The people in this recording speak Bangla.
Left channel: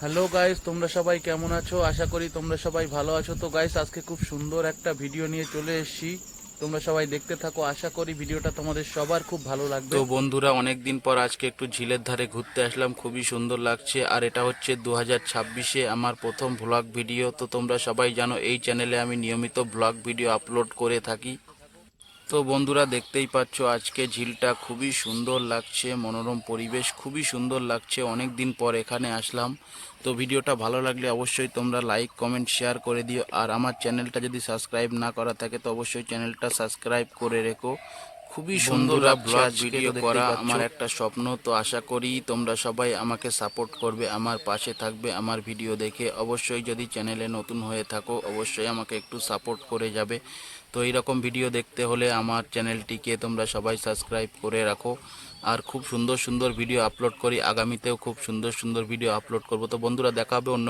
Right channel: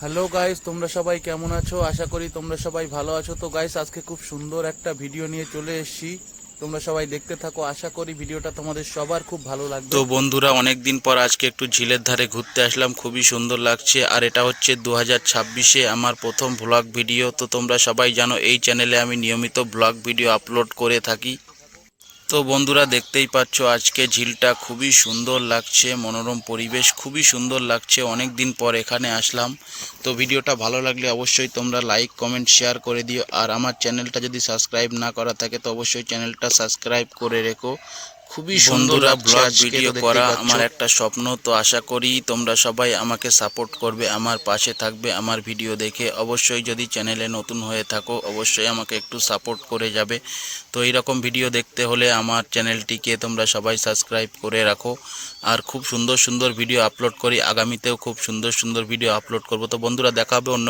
হ্যালো গাইস, তোমরা সবাই কেমন আছো? আশা করি তোমরা সবাই ভালো আছো। তো গাইস, আজকে খুব সুন্দর একটা ভিডিও নিয়ে চলে এসেছি। তোমরা সবাই দেখতে থাকো, আশা করি ভিডিওটা তোমাদের সবার খুব ভালো লাগবে। তো বন্ধুরা, অনেক দিন পর আজকে একটু ঝিলের ধারে ঘুরতে আসলাম, খুবই সুন্দর লাগছে। আর এটা হচ্ছে 2026-এ আমার প্রথম ভ্লগ ভিডিও। তো তোমরা সবাই জানো এই চ্যানেলে আমি নিয়মিত ভ্লগ ভিডিও আপলোড করে থাকি। তো বন্ধুরা, দেখতেই পাচ্ছ আজকে ঝিলটা খুবই সুন্দর লাগছে, মনোরম পরিবেশ, খুবই সুন্দর লাগছে। অনেক দিন পর এখানে আসলাম। তো ভিডিওটা ভালো লাগলে অবশ্যই তোমরা লাইক কমেন্ট শেয়ার করে দিও। আর আমার চ্যানেলটা যদি সাবস্ক্রাইব না করা থাকে তো অবশ্যই চ্যানেলটা সাবস্ক্রাইব করে রেখো। খুবই সুন্দর বন্ধুরা, লাগছে ব্লগ আজকে। ভিডিও তো দেখতেই করা পাচ্ছ। আমার একটা স্বপ্ন। তো আশা করি তোমরা সবাই আমাকে সাপোর্ট করবে, আমার পাশে থাকবে আমার ভিডিও দেখে। অবশ্যই যদি চ্যানেলে নতুন হয়ে থাকো অবশ্যই আমাকে একটু সাপোর্ট করে যাবে। তো এইরকম ভিডিও দেখতে হলে আমার চ্যানেলটিকে তোমরা সবাই সাবস্ক্রাইব করে রাখো। আর খুব সুন্দর সুন্দর ভিডিও আপলোড করি, আগামীতেও খুব সুন্দর সুন্দর ভিডিও আপলোড করব। তো বন্ধুরা, দেখা হবে অন্য